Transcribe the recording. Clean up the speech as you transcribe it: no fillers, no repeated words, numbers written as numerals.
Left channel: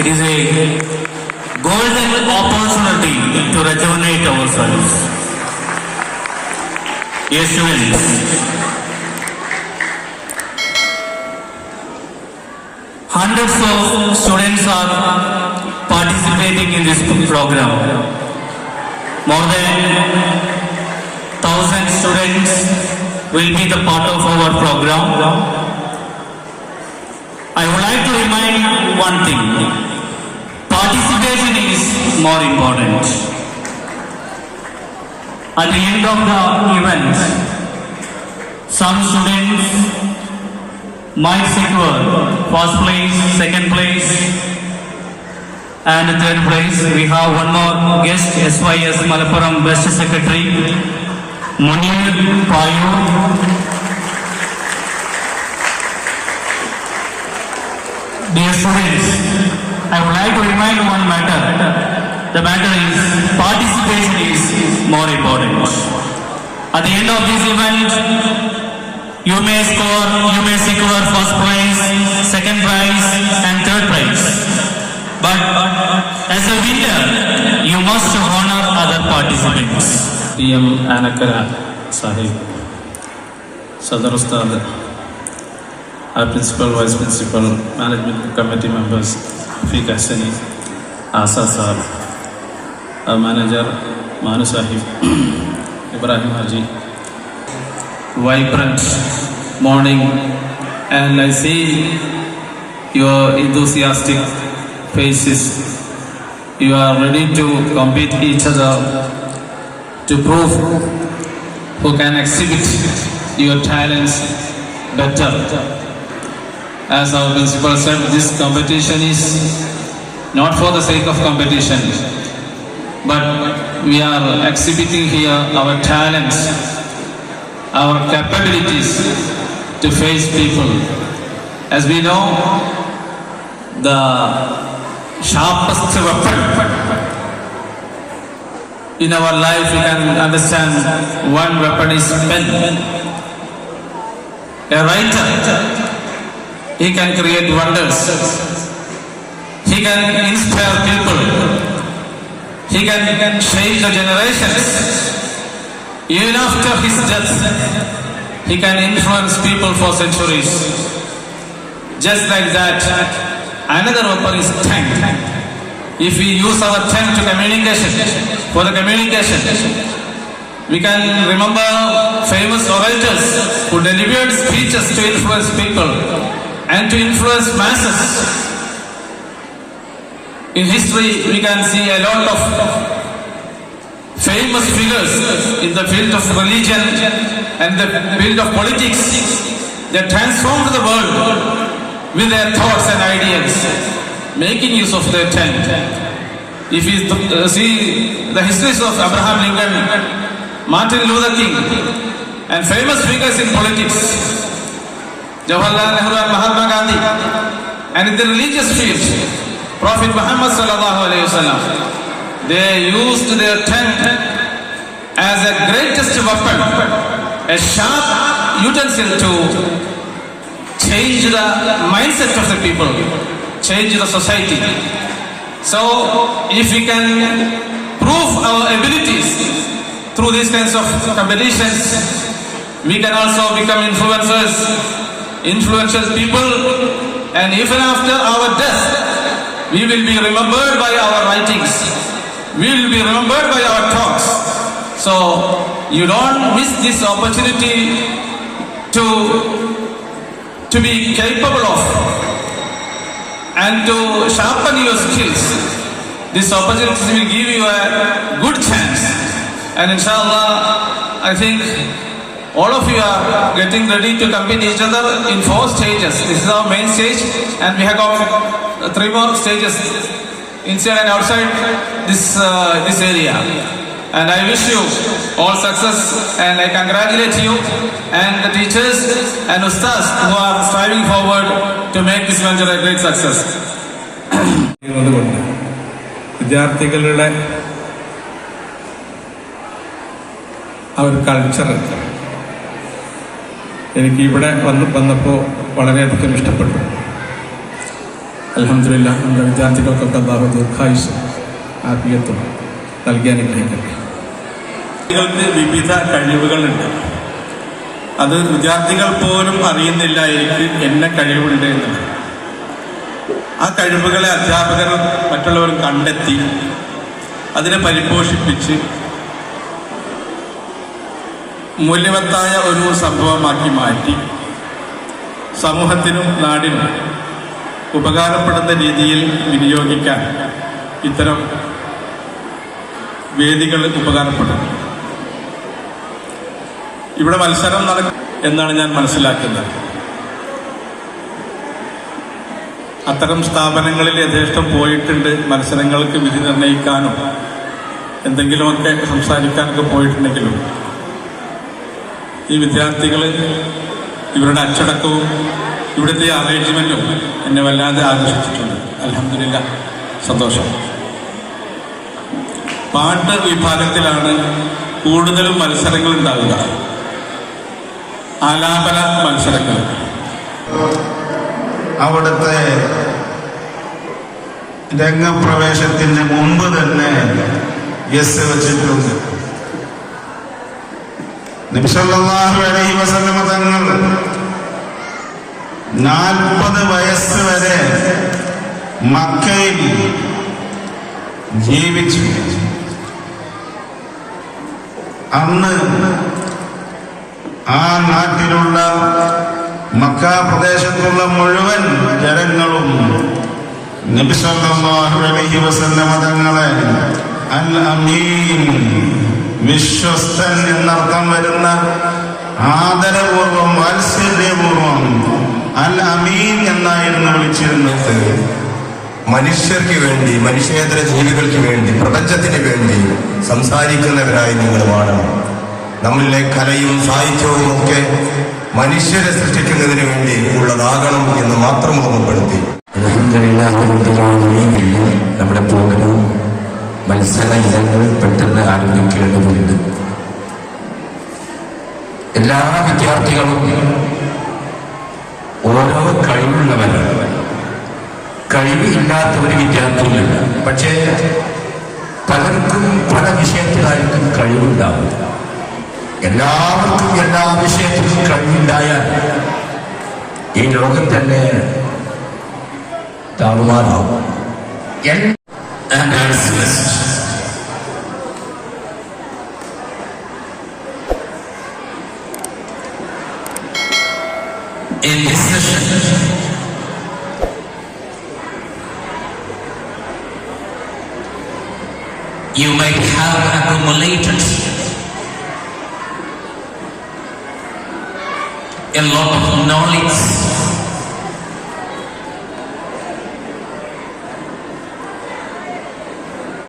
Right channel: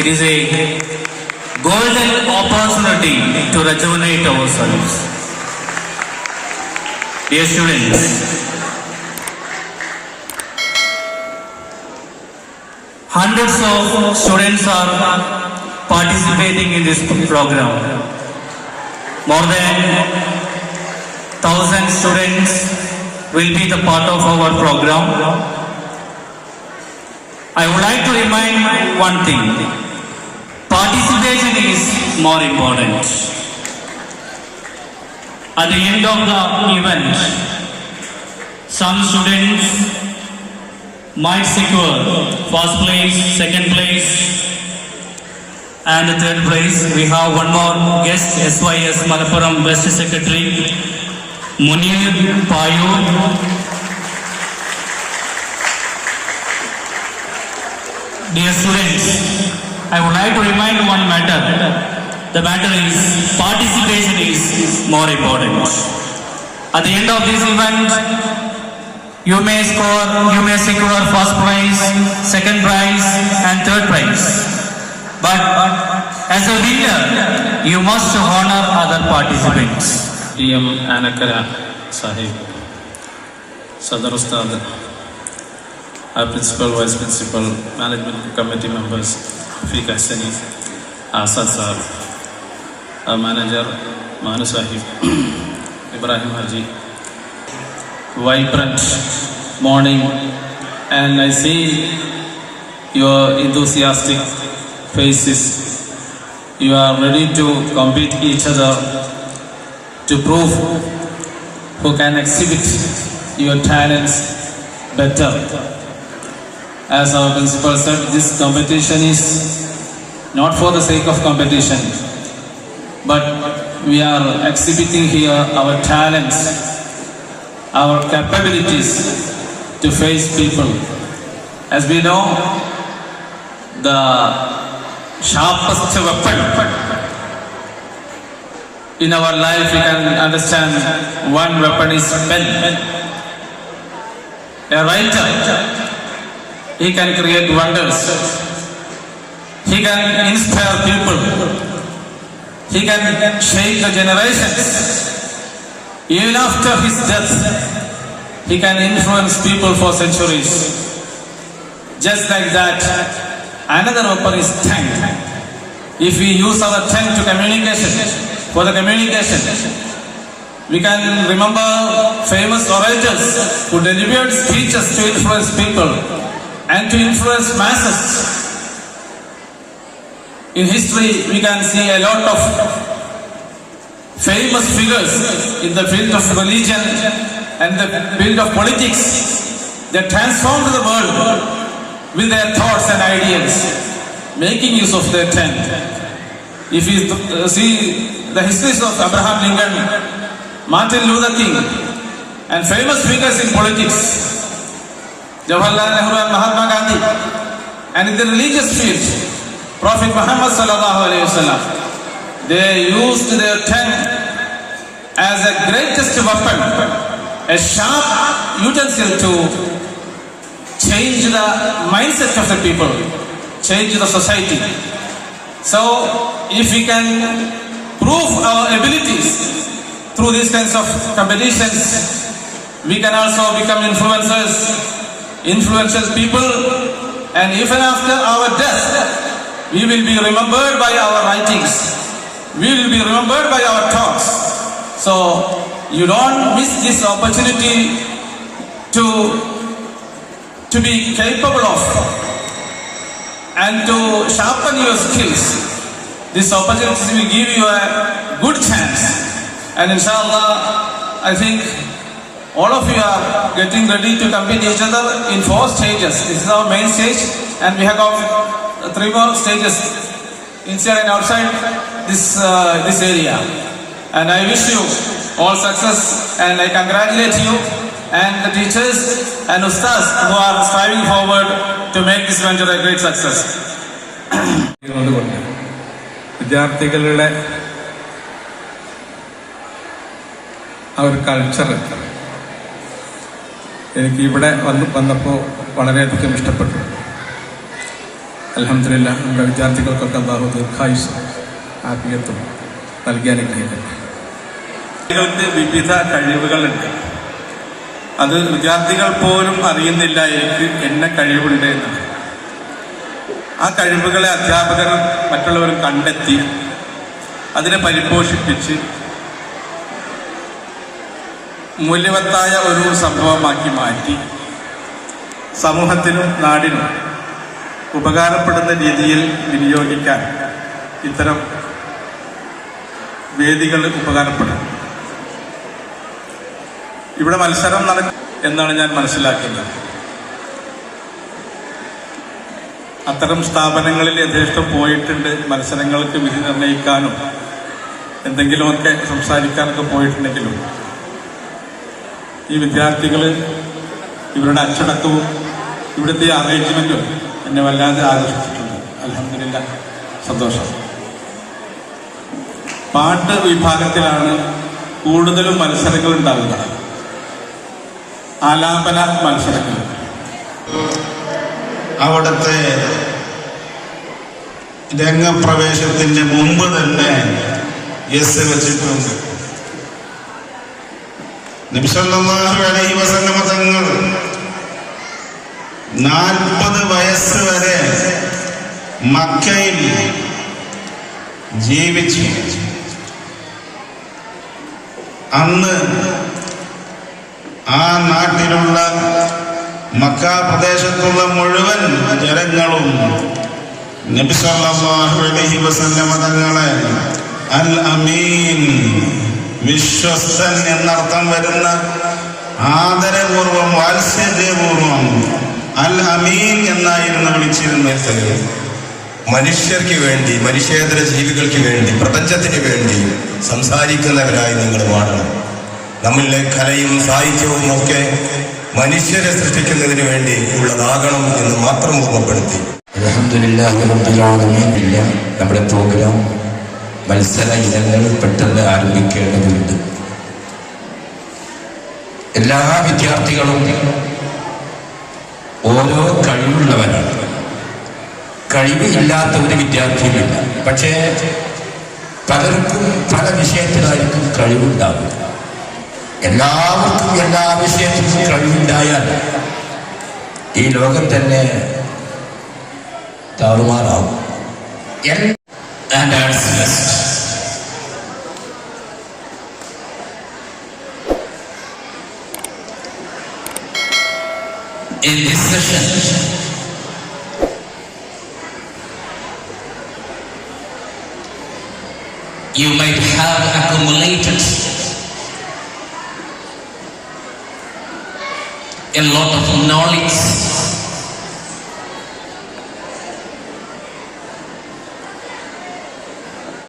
It is a golden opportunity to rejuvenate ourselves. Dear students, hundreds of students are participating in this program. More than 1,000 students will be the part of our program. I would like to remind one thing. Participation is more important. At the end of the event, some students might secure first place, second place, and third place. We have one more guest, SYS Malappuram Best Secretary, Munir Payu. Dear students, I would like to remind one matter. The matter is participation is more important. At the end of this event, you may secure first prize, second prize, and third prize. But as a winner, you must honor other participants. PM Anakara Sahib, Sadar Ustad, our principal, vice principal, management committee members, Fiq Hassani, Asa Sir, our manager, Manu Sahib, Ibrahim Haji. Vibrant morning, and I see your enthusiastic faces. You are ready to compete each other to prove who can exhibit your talents better. As our principal said, this competition is not for the sake of competition, but we are exhibiting here our talents, our capabilities to face people. As we know, the sharpest weapon in our life, we can understand one weapon is pen. A writer, he can create wonders. He can inspire people. He can change the generations. Even after his death, he can influence people for centuries. Just like that, another weapon is tongue. If we use our tongue to for the communication, we can remember famous orators who delivered speeches to influence people and to influence masses. In history, we can see a lot of famous figures in the field of religion and the field of politics. They transformed the world with their thoughts and ideas, making use of their tongue. If you see the histories of Abraham Lincoln, Martin Luther King, and famous figures in politics, Jawaharlal Nehru and Mahatma Gandhi, and in the religious field, Prophet Muhammad sallallahu alaihi wasallam, they used their tongue as a greatest weapon, a sharp utensil to change the mindset of the people, change the society. So, if we can prove our abilities through these kinds of competitions, we can also become influential people, and even after our death, we will be remembered by our writings. We will be remembered by our talks. So, you don't miss this opportunity to be capable of and to sharpen your skills. This opportunity will give you a good chance. And inshallah, I think all of you are getting ready to compete each other in 4 stages. This is our main stage, and we have got 3 more stages inside and outside this area. And I wish you all success, and I congratulate you and the teachers and ustads who are striving forward to make this venture a great success. വിദ്യാർത്ഥികളുടെ ആ ഒരു കൾച്ചർ എനിക്ക് ഇവിടെ വന്നപ്പോൾ വളരെയധികം ഇഷ്ടപ്പെട്ടു. അൽഹംദുലില്ലാ നമ്മുടെ വിദ്യാർത്ഥികൾക്കൊക്കെ അല്ലാഹു ദീർഘായുസ്സും ആഫിയത്തും നൽകി അനുഗ്രഹിക്കട്ടെ. വിദ്യാർത്ഥികൾക്ക് വിവിധ കഴിവുകളുണ്ട്. അത് വിദ്യാർത്ഥികൾ പോലും അറിയുന്നില്ല എനിക്ക് എന്ന കഴിവുണ്ട് എന്ന്. ആ കഴിവുകളെ അധ്യാപകരും മറ്റുള്ളവരും കണ്ടെത്തി അതിനെ പരിപോഷിപ്പിച്ച് മൂല്യവത്തായ ഒരു സംഭവമാക്കി മാറ്റി സമൂഹത്തിനും നാടിനും ഉപകാരപ്പെടുന്ന രീതിയിൽ വിനിയോഗിക്കാൻ ഇത്തരം വേദികൾ ഉപകാരപ്പെടുന്നു. ഇവിടെ മത്സരം നടക്കും എന്നാണ് ഞാൻ മനസ്സിലാക്കുന്നത്. അത്തരം സ്ഥാപനങ്ങളിൽ യഥേഷ്ടം പോയിട്ടുണ്ട്. മത്സരങ്ങൾക്ക് വിധി നിർണ്ണയിക്കാനും എന്തെങ്കിലുമൊക്കെ സംസാരിക്കാനൊക്കെ പോയിട്ടുണ്ടെങ്കിലും ഈ വിദ്യാർത്ഥികൾ ഇവരുടെ അച്ചടക്കവും ഇവിടുത്തെ അറേഞ്ച്മെന്റും എന്നെ വല്ലാതെ ആകർഷിച്ചിട്ടുണ്ട്. അൽഹംദുലില്ലാ, സന്തോഷം. പാട്ട് വിഭാഗത്തിലാണ് കൂടുതലും മത്സരങ്ങൾ ഉണ്ടാവുക, ആലാപന മത്സരങ്ങൾ. അവിടുത്തെ രംഗപ്രവേശത്തിന് മുമ്പ് തന്നെ യെസ് വെച്ചിട്ടുണ്ട്. നബി സല്ലല്ലാഹു അലൈഹി വസല്ലം തങ്ങൾ 40 വയസ്സ് വരെ മക്കയിൽ ജീവിച്ചു. അന്ന് ആ നാട്ടിലുള്ള മക്ക പ്രദേശത്തുള്ള മുഴുവൻ ജനങ്ങളും നബി സല്ലല്ലാഹു അലൈഹി വസല്ലം തങ്ങളെ അൽ അമീൻ, വിശ്വസ്തൻ എന്നർത്ഥം വരുന്ന ആദരപൂർവം വാത്സല്യപൂർവം അൽ അമീൻ എന്നായിരുന്നു വിളിച്ചിരുന്നത്. മനുഷ്യർക്ക് വേണ്ടി, മനുഷ്യേതര ജീവികൾക്ക് വേണ്ടി, പ്രപഞ്ചത്തിന് വേണ്ടി സംസാരിക്കുന്നവരായി നിങ്ങൾ മാറണം. നമ്മളിലെ കലയും സാഹിത്യവും ഒക്കെ മനുഷ്യരെ സൃഷ്ടിക്കുന്നതിന് വേണ്ടി ഉള്ളതാകണം എന്ന് മാത്രം ഓർമ്മപ്പെടുത്തി. അൽഹംദുലില്ലാഹി നമ്മുടെ പ്രോഗ്രാം മത്സര ഇനങ്ങൾ പെട്ടെന്ന് ആരംഭിക്കേണ്ടതുണ്ട്. എല്ലാ വിദ്യാർത്ഥികളും ഓരോ കഴിവുള്ളവരാണ്. കഴിവില്ലാത്ത ഒരു വിദ്യാർത്ഥിയില്ല. പക്ഷേ പലർക്കും പല വിഷയത്തിലായിരിക്കും കഴിവുണ്ടാവും. എല്ലാവർക്കും എല്ലാ വിഷയത്തിലും കഴിവുണ്ടായാൽ ഈ ലോകം തന്നെ താറുമാറാവും. And our semester. In this session, you might have accumulated a lot of knowledge